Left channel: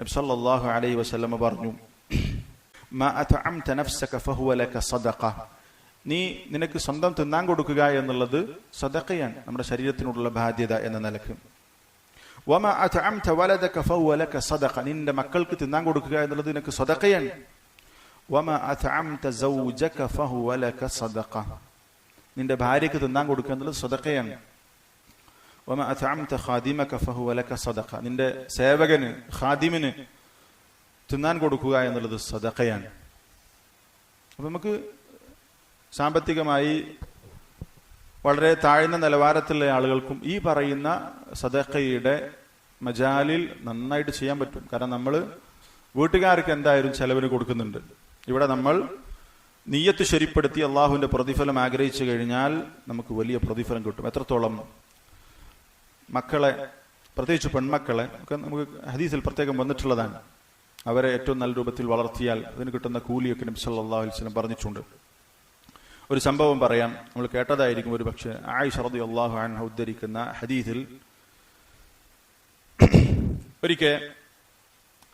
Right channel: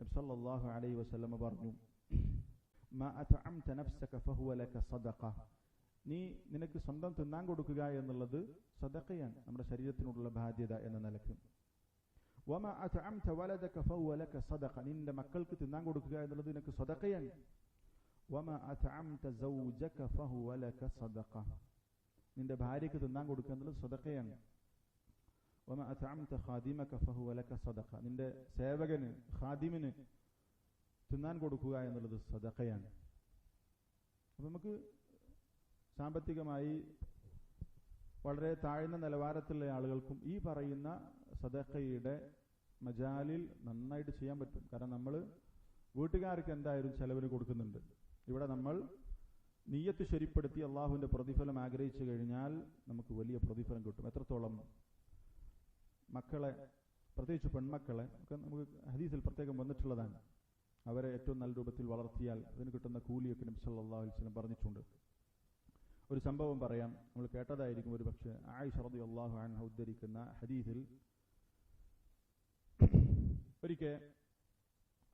നബി സല്ലല്ലാഹു അലൈഹി വസല്ലമ പറഞ്ഞു നീ നിനക്ക് സ്വന്തം തിന്നാൻ കൊടുക്കുക എന്നുള്ളത് സദഖയാണ് നമ്മുടെ ശരീരത്തിനുള്ള ബാധ്യത എന്ന നിലയ്ക്ക്. നിന്റെ മക്കൾക്ക് തിന്നാൻ കൊടുക്കുക എന്നുള്ളത് നിനക്ക് സദഖ. നിന്റെ ഭാര്യക്ക് തിന്നാൻ കൊടുക്കുക എന്നുള്ളത് സദഖയാണ്. ഖാദിമക ഫഹുവ ലക സദഖ. നിന്റെ സേവകന് ഖാദിമിന് തിന്നാൻ കൊടുക്കുക എന്നുള്ളത് സദഖയാണ്. അപ്പൊ നമുക്ക് സാമ്പത്തികമായി വളരെ താഴ്ന്ന നിലവാരത്തിലുള്ള ആളുകൾക്കും ഈ പറയുന്ന സദഖയുടെ മജാലിൽ നന്നായിട്ട് ചെയ്യാൻ പറ്റും. കാരണം നമ്മൾ വീട്ടുകാർക്ക് എന്തായാലും ചെലവിന് കൊടുക്കുന്നുണ്ട്. ഇവിടെ നമ്മൾ നീയത്ത് ശരിപ്പെടുത്തി അള്ളാഹുവിന്റെ പ്രതിഫലം ആഗ്രഹിച്ചു കഴിഞ്ഞാൽ നമുക്ക് വലിയ പ്രതിഫലം കിട്ടും. എത്രത്തോളം മക്കളെ പ്രത്യേകിച്ച് പെൺമക്കളെ ഒക്കെ നമുക്ക് ഹദീസിൽ പ്രത്യേകം വന്നിട്ടുള്ളതാണ്. അവരെ ഏറ്റവും നല്ല രൂപത്തിൽ വളർത്തിയാൽ അതിന് കിട്ടുന്ന കൂലിയൊക്കെ നബി സല്ലല്ലാഹു അലൈഹി വസല്ലം പറഞ്ഞിട്ടുണ്ട്. ഒരു സംഭവം പറയാം. നമ്മൾ കേട്ടതായിരിക്കും ഒരു പക്ഷേ ആയിഷ അള്ളാഹു അൻഹ ഉദ്ധരിക്കുന്ന ഹദീസിൽ ഒരിക്കൽ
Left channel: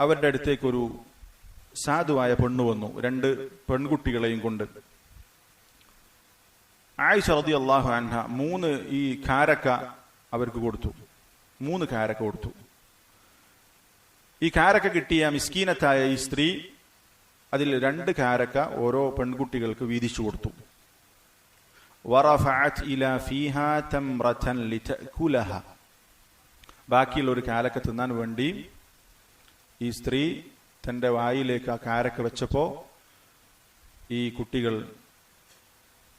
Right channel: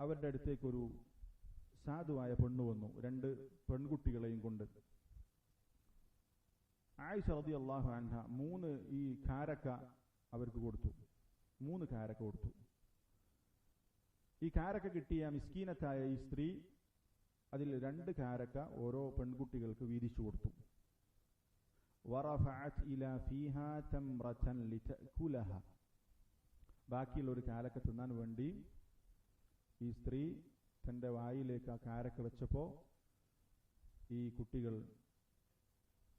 അവരുടെ അടുത്തേക്ക് ഒരു സാധുവായ പെണ്ണു വന്നു രണ്ട് പെൺകുട്ടികളെയും കൊണ്ട്. ആയിഷ അള്ളാഹു അൻഹ മൂന്ന് ഈ കാരക്ക അവർക്ക് കൊടുത്തു. മൂന്ന് കാരക്ക കൊടുത്തു. ഈ കാരക്ക കിട്ടിയ മിസ്കീനത്തായ ഈ സ്ത്രീ അതിൽ രണ്ട് കാരക്ക ഓരോ പെൺകുട്ടികൾക്ക് വീതിച്ചു കൊടുത്തു. ബാക്കിയുള്ള ഒരു കാരക്ക തിന്നാൻ വേണ്ടി ഈ സ്ത്രീ തന്റെ വായിലേക്ക് ആ കാരക്ക വെച്ചപ്പോൾ ഈ കുട്ടികൾ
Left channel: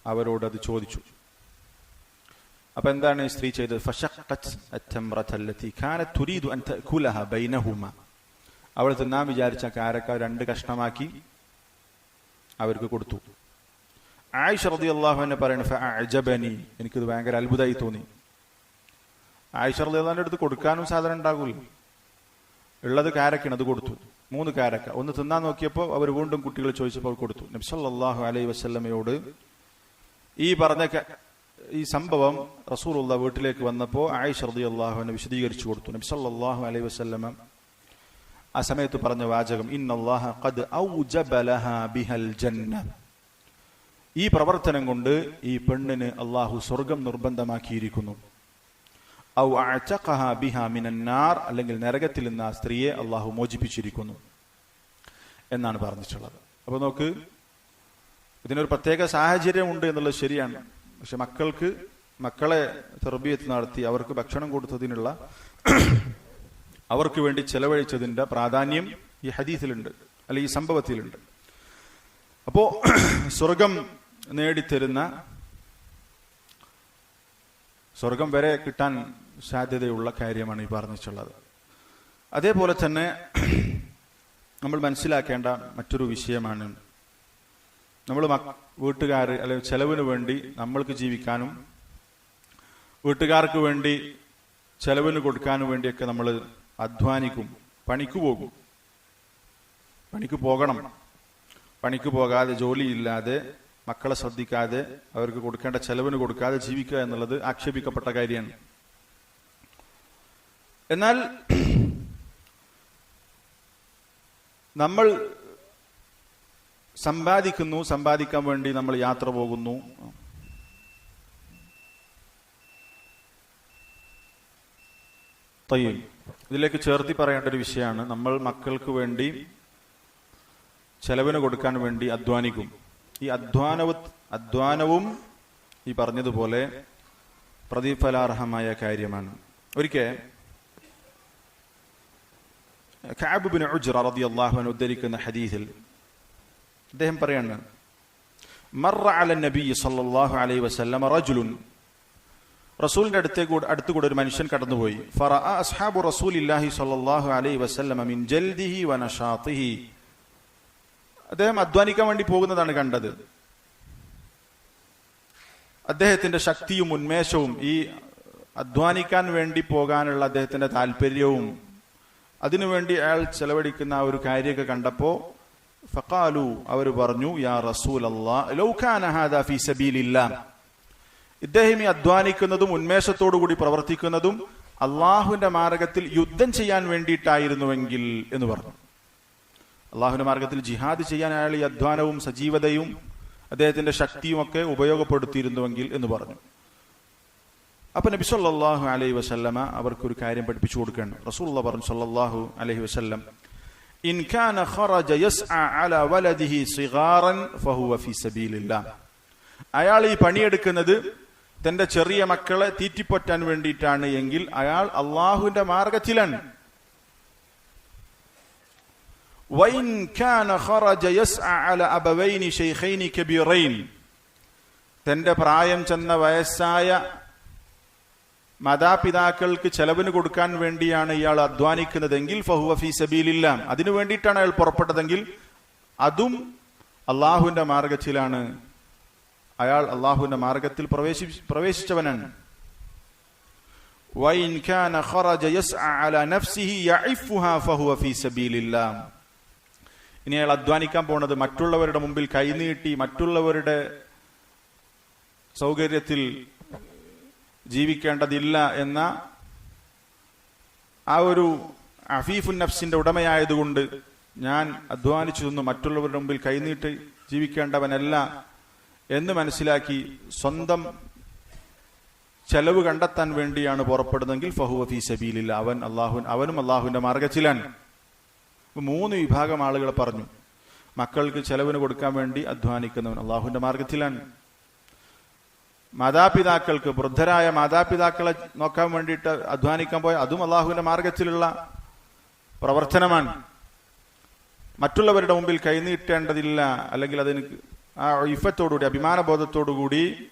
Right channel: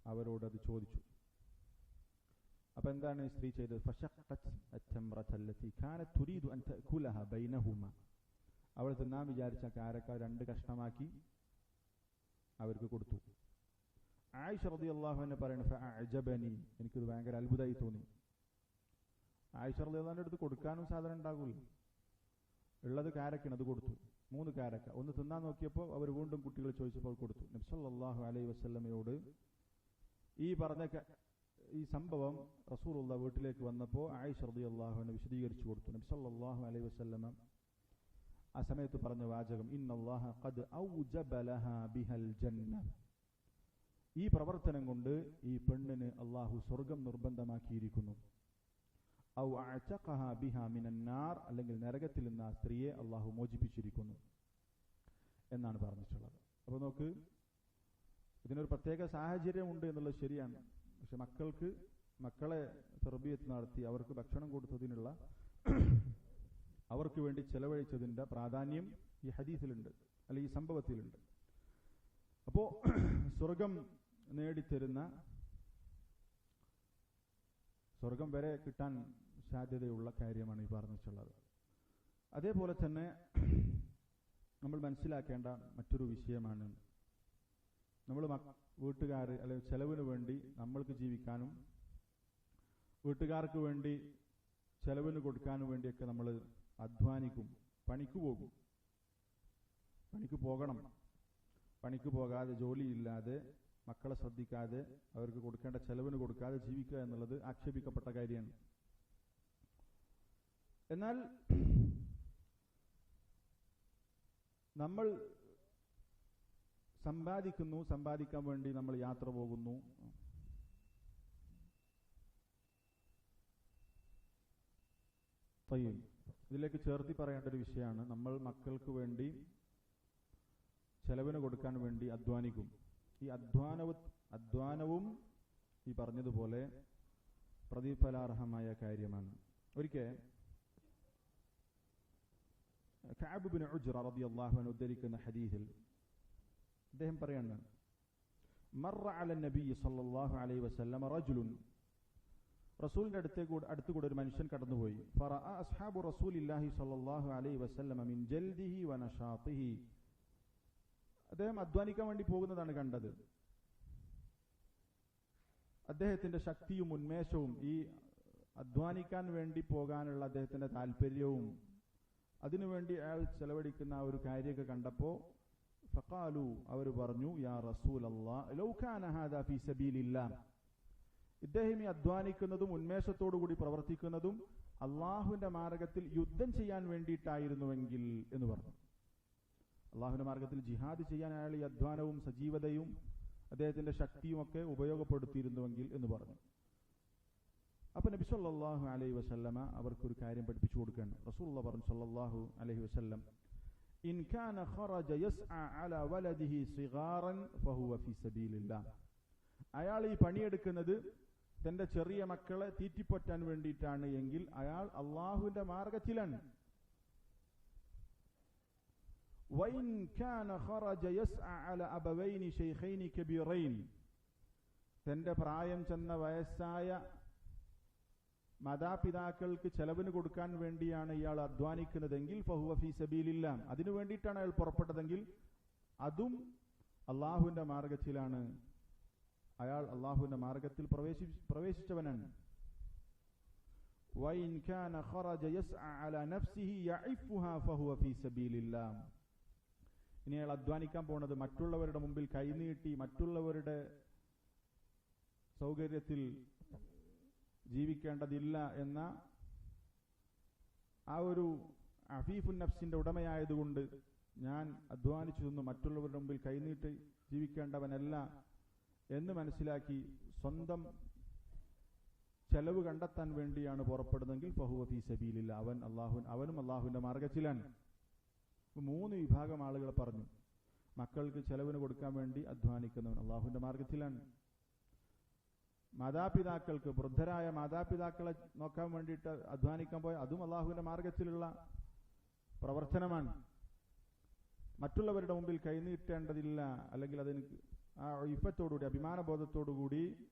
അവരോട് അത് ചോദിച്ചു. അപ്പൊ എന്താണ് ഈ സ്ത്രീ ചെയ്തത്? അവൾ തിന്നാൻ വിചാരിച്ച കാരക്ക രണ്ട് കഷ്ണമാക്കി അവർക്ക് കൊടുത്തു. ആയിഷ റളിയല്ലാഹു അൻഹ പറയണി എനിക്കിത് ഭയങ്കര അത്ഭുതമായി തോന്നി. ആയിഷ അള്ളാഹിന്റെ അടുത്ത് കൊടുക്കാനും സാധനം ഉണ്ടാകൂല. ഉള്ളത് കാരക്കാണ് അത് കൊടുത്തു. മൂന്ന് കാരക്ക. ഒന്ന് തിന്നാൻ നോക്കിയപ്പോൾ അവർ വീണ്ടും കുട്ടികൾ ചോദിച്ചപ്പോൾ കൊടുത്തു. നബ്സല്ലാഹു അലൈ അലൈഹി വസല്ലമയോട് ഈ പറഞ്ഞ ഈ സംഭവം റസൂറുള്ള വീട്ടിലേക്ക് വന്നപ്പോൾ ആയിഷ റളിയല്ലാഹു അള്ളാഹുവിനെ വിശദീകരിച്ചു കൊടുത്തു. നബി സല്ലാഹു അലൈഹി വസ്ലമ ആ സമയത്ത് പറഞ്ഞ വാചകം ജന്ന. ഈ പ്രവർത്തനം കൊണ്ട് ഈ പെണ്ണിന് അള്ളാഹു സ്വർഗം നിർബന്ധമാക്കിയിരിക്കുന്നു. ഔ ബിഹാ മിനന്നാർ അല്ലെങ്കിൽ നരകത്തിൽ നിന്ന് ആ സ്ത്രീയെ അള്ളാഹു മോചിപ്പിച്ചിരിക്കുന്നു എന്നാണ് പറഞ്ഞിട്ടുള്ളത്. അപ്പൊ നോക്ക് ഇതിനൊരു പ്രത്യേക സാഹചര്യം ഉണ്ട് എന്നുള്ളത് ശരിയാണ്. പക്ഷെ മക്കൾക്ക് മക്കളെ തെർബിയത്ത് നടത്തി അവർക്ക് ഭക്ഷണം കൊടുത്തതിനുള്ള അവർക്ക് വേണ്ടി ചെലവഴിച്ചതിന്റെ പ്രാധാന്യം ഈ ഹദീസിലുണ്ട് അല്ലെ ഈ സംഭവത്തിലുണ്ട്. അപ്പോ സ്വർഗം നേടിത്തരുന്ന സ്വർഗം വരെ കിട്ടാൻ സാധ്യതയുള്ള കാര്യമാണ് ഈ പറഞ്ഞിട്ടുള്ളത്. അതേപോലെ തന്നെ നമ്മൾ മനസ്സിലാക്കേണ്ട മറ്റൊരു വിഷയമാണ് നമ്മൾ വീട്ടുകാർ അല്ലെങ്കിൽ ചെലവിന് വേണ്ടി നമ്മൾക്ക് ജീവിക്കാനും വീട്ടുകാർക്ക് വേണ്ടി ചെലവിന് കൊടുക്കാനും വേണ്ടിയൊക്കെ നമ്മൾ അധ്വാനിക്കും. പണിക്ക് പോകും. പണിക്ക് പോകണം. പണിക്ക് പോകാതെ ജോലിയില്ലാതെ മക്കളെ ശ്രദ്ധിക്കാതെ അവർക്ക് കൊടുക്കേണ്ട ചെലവിന് കൊടുക്കാതെ ജീവിക്കുക എന്നുള്ളത് ആക്ഷേപിക്കപ്പെട്ട കാര്യമാണ്. എന്നാൽ നമ്മൾ സമ്പാദിക്കുന്നു സമ്പാദിക്കാൻ വേണ്ടി നമ്മൾ യാത്ര പോകുന്നു. തയ്യും ഇതിലേക്ക് ചേർത്തി പറയേണ്ട ഒരു വിഷയമാണ്. നമ്മൾ മക്കൾക്ക് വേണ്ടി ചെലവിന് കൊടുക്കാൻ വേണ്ടി അധ്വാനിക്കും. ഈ അധ്വാനവ അധ്വാനവും ഈ പറഞ്ഞതുപോലെ പ്രതിഫലാർഹമായ കാര്യമാണ്. ഒരിക്കൽ ബിൻ ഉജ്റ റളിയല്ലാഹു അൻഹു ഉദ്ധരിക്കുന്ന ഹദീസിൽ അദ്ദേഹം പറയാണ് മറ അല നബി സല്ലല്ലാഹു അലൈഹി വസല്ലം റജുലുൻ. റസൂലിന്റെ അടുത്തേക്ക് അടുത്ത് കൂടെ ഒരു മനുഷ്യൻ കടന്നുപോയി. ഫറഅ അസ്ഹാബു റസൂലില്ലാഹി സല്ലല്ലാഹു അലൈഹി വസല്ലം മിൻ ജൽദിഹി വനഷാത്തിഹി അദ്ദേഹം അധ്വാനിക്കാൻ വേണ്ടി പോകുന്നതാണ് കണ്ടത്. അദ്ദേഹത്തിന്റെ ശക്തിയും ഉന്മേഷവും ഈ അധ്വാനിക്കാൻ വേണ്ടി പോകാനുള്ള അദ്ദേഹത്തിന്റെ താല്പര്യവും അതിനുവേണ്ടി അയാൾ ചെലവഴിക്കുന്ന ആ ഒരു കാര്യമൊക്കെ കണ്ടപ്പോ ഫഖാലു അവർ പറഞ്ഞു യാ റസൂൽ ഇദ്ദേഹം ഈ അധ്വാനിക്കുന്നതും ഉന്മേഷത്തോടു കൂടി പ്രവർത്തിക്കുന്നതും അള്ളാഹുവിന്റെ മാർഗത്തിൽ യുദ്ധം ചെയ്യാൻ വേണ്ടിയിട്ടായിരുന്നുവെങ്കിൽ എന്ന് പറഞ്ഞു. അള്ളാഹുവിന്റെ മാർഗത്തിൽ ജിഹാദ് ചെയ്യാൻ അയാൾ ഈ അധ്വാനവും സജീവതയും അദ്ദേഹത്തിന്റെ ശക്തിയും ഒക്കെ ഉപയോഗപ്പെടുത്തിയിരുന്നുവെങ്കിൽ എന്ന് പറഞ്ഞു. അപ്പൊ നബി അലൈഹി വസല്ലമ അവർക്കൊരു കാര്യം പഠിപ്പിച്ചു കൊടുക്കുകയാണ്. റസൂള്ള പറഞ്ഞു സല്ലാഹു അലൈഹി വസല്ലം ഇൻ കാന ഖറജ യസ്അ അല വലദിഹി സിഗാറൻ ഫഹുവ ഫീ സബീലില്ലാഹ് അയാൾ ഈ പണിയെടുക്കുന്നത് തന്റെ ചെറിയ മക്കളെ തീറ്റിപ്പൊറ്റാൻ വേണ്ടിയിട്ടാണ് എങ്കിൽ അയാൾ അള്ളാഹുവിന്റെ മാർഗത്തിലാണ് وإن كان خرج يسعى على أبوين شيخين كبيرين തന്റെ പ്രായം ചെന്ന വയസ്സായ മാതാപിതാക്കൾക്ക് ചെലവിന് കൊടുക്കാൻ വേണ്ടിയാണ് ഇയാൾ അധ്വാനിക്കുന്നതെങ്കിൽ ഫഹുവ ഫി സബീലില്ല. അതിനു വേണ്ടിയിട്ടാണ് അയാൾ പുറപ്പെട്ടതെങ്കിൽ അതും അള്ളാഹുവിന്റെ മാർഗത്തിലാണ്. അയാൾ അള്ളാഹുവിന്റെ മാർഗത്തിൽ പ്രവേശി പ്രവേശിച്ചവനാണ്. ഇനി അയാൾ അധ്വാനിക്കാൻ പോണത് മറ്റുള്ളവരുടെ മുമ്പിൽ കൈനീട്ടി മറ്റുള്ളവരുടെ സൗകര്യത്തിൽ ജീവിക്കേണ്ടതില്ല എന്ന ആ ഒരു അഫീഫുൻ നഫ്സിന്റെ ഉടമയായതുകൊണ്ട് ഞാൻ അധ്വാനിച്ചു നിന്ന്. മറ്റുള്ളവരുടെ മുമ്പിൽ കൈനീട്ട് ജീവിക്കേണ്ടവനല്ല എന്ന് മനസ്സിലാക്കി സ്വന്തം ചെലവ് കണ്ടെത്താൻ വേണ്ടിയാണ് പുറപ്പെടുന്നതെങ്കിൽ ഫഹുവ ഫീ സബീലില്ല. അവൻ അള്ളാഹു അവനും അള്ളാഹുവിന്റെ മാർഗത്തിലാണ്. മൂന്ന് വിഭാഗം ആളുകൾ പറഞ്ഞു മക്കൾക്ക് ചെലവിന് കൊടുക്കാൻ വേണ്ടി അധ്വാനിക്കുന്നവൻ അള്ളാഹുവിന്റെ മാർഗത്തിലാണ്. മാതാപിതാക്കൾക്ക് വൃദ്ധരായ മാതാപിതാക്കളെ നോക്കാൻ വേണ്ടിയിട്ട് അധ്വാനിക്കാൻ പോയ അതും അള്ളാഹുവിന്റെ മാർഗത്തിലുള്ള പ്രവർത്തനമാണ്. മറ്റുള്ളവരുടെ മുമ്പിൽ കൈനീട്ടേണ്ടതില്ല അല്ലെങ്കിൽ അതിന് ആ ഇഫത്തോടുകൂടി അഭിമാനബോധത്തോടുകൂടി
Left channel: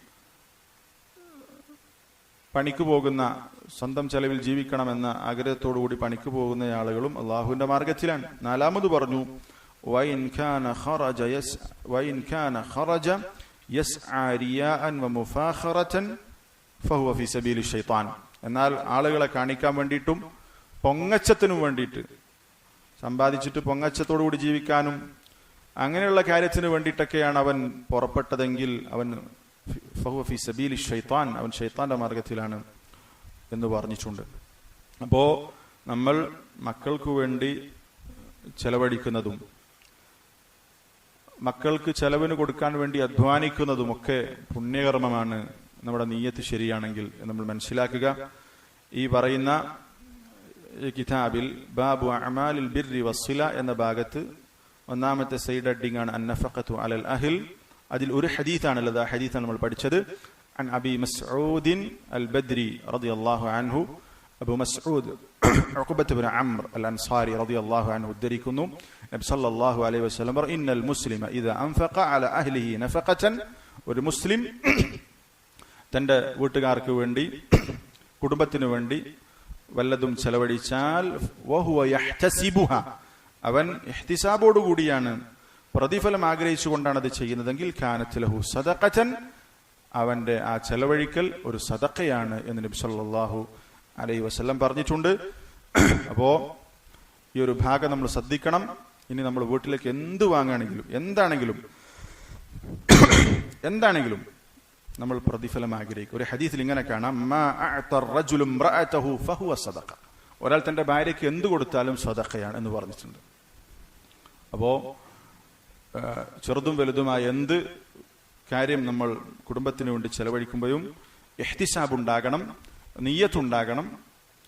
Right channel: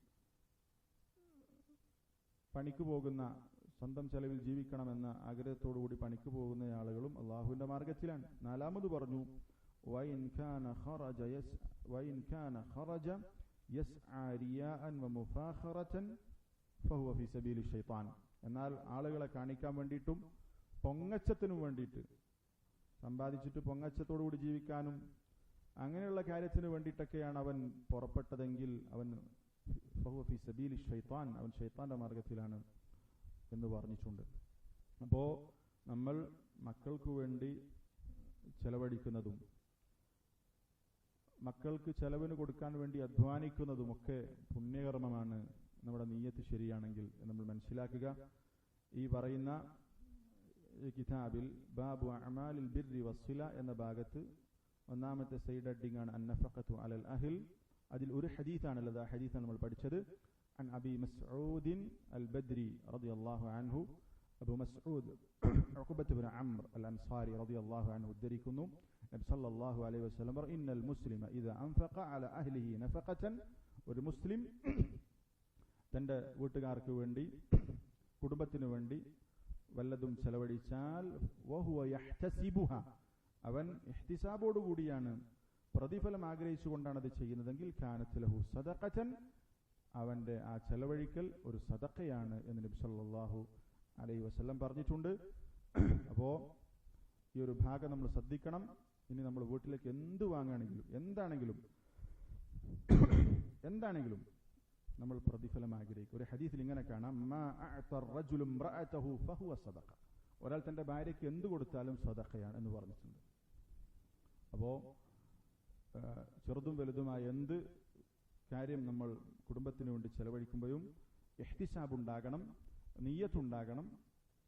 പണിക്ക് പോകുന്ന സ്വന്തം ചെലവിൽ ജീവിക്കണമെന്ന ആഗ്രഹത്തോടുകൂടി പണിക്ക് പോകുന്ന ആളുകളും അള്ളാഹുവിന്റെ മാർഗത്തിലാണ്. നാലാമത് പറഞ്ഞു വൈൻഖാൻ എന്നാൽ ആളുകളെ കാണിക്കാൻ വേണ്ടിയിട്ടും പൊങ്ങച്ചത്തിനും വേണ്ടിയിട്ട് സമ്പാദിച്ചിട്ട് പൊങ്ങച്ചത്തോടുകൂടി ജീവിക്കാനും അങ്ങനെയുള്ള കാര്യത്തിന് വേണ്ടിയിട്ടൊക്കെയാണ് അവൻ പുറപ്പെട്ടതെങ്കിൽ അവൻ ഫഹു ഫി സബീലി ഷെയ്ത്താൻ അവൻ ഷെയ്ത്താന്റെ മാർഗത്തിലാണ് എന്ന് പറഞ്ഞിട്ടുണ്ട്. അപ്പോൾ നമ്മൾ മക്കൾക്കു വേണ്ടി ചെലവഴിക്കുന്നതും മക്കൾക്ക് ചെലവിന് കൊടുക്കാൻ വേണ്ടി അധ്വാനിക്കുന്നതുമൊക്കെ പുണ്യകർമ്മമാണ് നമ്മുടെ നീയത്ത് ശരിയാണെങ്കിൽ നമ്മൾ മനസ്സിലാക്കുക. ഈ പറയുന്ന കിതാബിൽ ബാബു അമാലിൽ ബിർരി വസ്ല എന്ന ഭാഗത്ത് ഒന്നാമത്തെ സൈഡ് അഡിംഗ് ആണ് അന്നഫഖത്തു അലൽ അഹിൽ. അതിൽ ഒരു ഹദീത്താണുള്ളത് ആ ഹദീത്താണ് നമ്മൾ പഠിച്ചത്. അൻ അബി മസ്ഊദിൻ അൽ ബദ്രി റളിയല്ലാഹു അൻഹു അബു മസ്ഊദ് ഉഖബത്തുബ്നു അംർ അൽ അൻസാരി റളിയല്ലാഹു അൻഹു ഉദ്ധരിക്കുന്നു. നബി സല്ലല്ലാഹു അലൈഹി വസല്ലം ഇന്നൽ മുസ്ലിമ ഇദാ അൻഫഖ അല അഹ്ലിഹി നഫഖതൻ. ഒരു മുസ്ലിം തന്റെ വീട്ടുകാർക്ക് വേണ്ടി കുടുംബത്തിന് വേണ്ടി വല്ലതും ചെലവഴിച്ചാൽ അവൻ കൂടിയാണ് പ്രതിഫലം ആഗ്രഹിച്ചുകൊണ്ടാണ് അത് ചെയ്യുന്നതെങ്കിൽ ഖാനത്തിലഹു സദക്കച്ചൻ അവന്റെ ആ ചെലവഴിക്കൽ ഒരു സദക്കയാണ് എന്ന് നബി സല്ലാഹു അലൈഹി വസ്ല്ലം പറഞ്ഞിട്ടുണ്ട്. അപ്പോൾ ഈ ഒരു ഭാഗം നമ്മൾ ശ്രദ്ധിക്കണം. ഇനി നമ്മൾ വീട്ടിലേക്ക് എന്ത് വാങ്ങുകയാണെങ്കിലും എന്താണെങ്കിലും എന്താണെങ്കിലും നമ്മൾ പ്രതിഫലം ആഗ്രഹിക്കും. ഒരു ഹദീസിൽ ഇങ്ങനെ കാണാം. ഒരാൾ തന്റെ ഭാര്യയ്ക്ക് എന്ത് കൊടുത്താലും സദക്കയാണ് എന്ന് പറഞ്ഞിട്ടുണ്ട്. അപ്പോ ചെറുതും വലുതുമായ എന്ത് കാര്യം നമ്മൾ കുടുംബത്തിന് വേണ്ടി ചെലവഴിക്കുമ്പോഴും എഹ്തിസാബ് ഉണ്ടാകണം. നീയത്തുണ്ടാകണം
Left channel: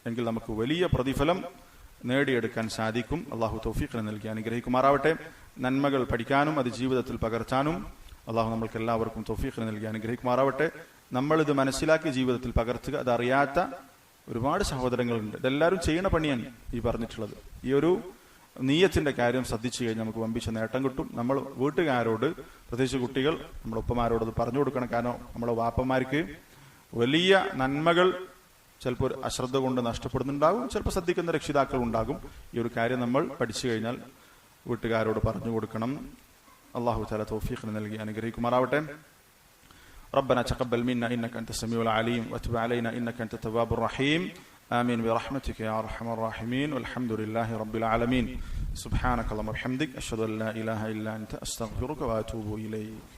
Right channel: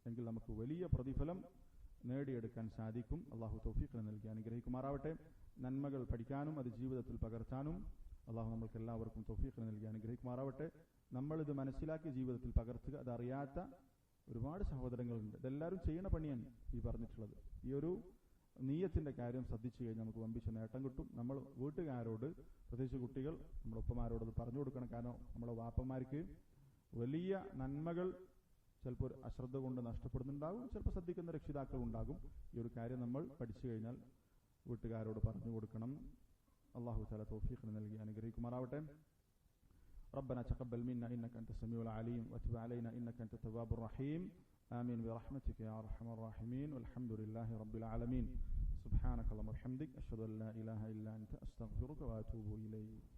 എങ്കിൽ നമുക്ക് വലിയ പ്രതിഫലം നേടിയെടുക്കാൻ സാധിക്കും. അള്ളാഹു തൗഫീഖിനെ നൽകി അനുഗ്രഹിക്കുമാറാവട്ടെ. നന്മകൾ പഠിക്കാനും അത് ജീവിതത്തിൽ പകർത്താനും അള്ളാഹു നമ്മൾക്ക് എല്ലാവർക്കും തൗഫീഖിനെ നൽകി അനുഗ്രഹിക്കുമാറാവട്ടെ. നമ്മളിത് മനസ്സിലാക്കി ജീവിതത്തിൽ പകർത്തുക അതറിയാത്ത ഒരുപാട് സഹോദരങ്ങളുണ്ട്. ഇതെല്ലാവരും ചെയ്യണ പണിയാണ് ഈ പറഞ്ഞിട്ടുള്ളത്. ഈ ഒരു നീയത്തിന്റെ കാര്യം ശ്രദ്ധിച്ചു കഴിഞ്ഞാൽ നമുക്ക് വമ്പിച്ച നേട്ടം കിട്ടും. നമ്മൾ വീട്ടുകാരോട് പ്രത്യേകിച്ച് കുട്ടികൾ നമ്മുടെ ഉപ്പമാരോട് പറഞ്ഞു കൊടുക്കണം. കാരണം നമ്മുടെ വാപ്പന്മാർക്ക് വലിയ നന്മകൾ ചിലപ്പോൾ അശ്രദ്ധ കൊണ്ട് നഷ്ടപ്പെടുന്നുണ്ടാകും ചിലപ്പോൾ ശ്രദ്ധിക്കുന്ന രക്ഷിതാക്കൾ ഉണ്ടാകും ഈ ഒരു കാര്യം നമ്മൾ പഠിച്ചു കഴിഞ്ഞാൽ വീട്ടുകാരോട് പറഞ്ഞു കൊടുക്കണം അള്ളാഹു താല തൗഫീഖിന് നൽകി അനുഗ്രഹിക്കുമാറാവട്ടെ ربنا تقبل منا انك انت السميع العليم وتب علينا انك انت التواب الرحيم امين برحمتك يا ارحم الراحمين والحمد لله رب العالمين سبحانك اللهم وبحمدك اشهد ان لا اله الا انت استغفرك واتوب اليك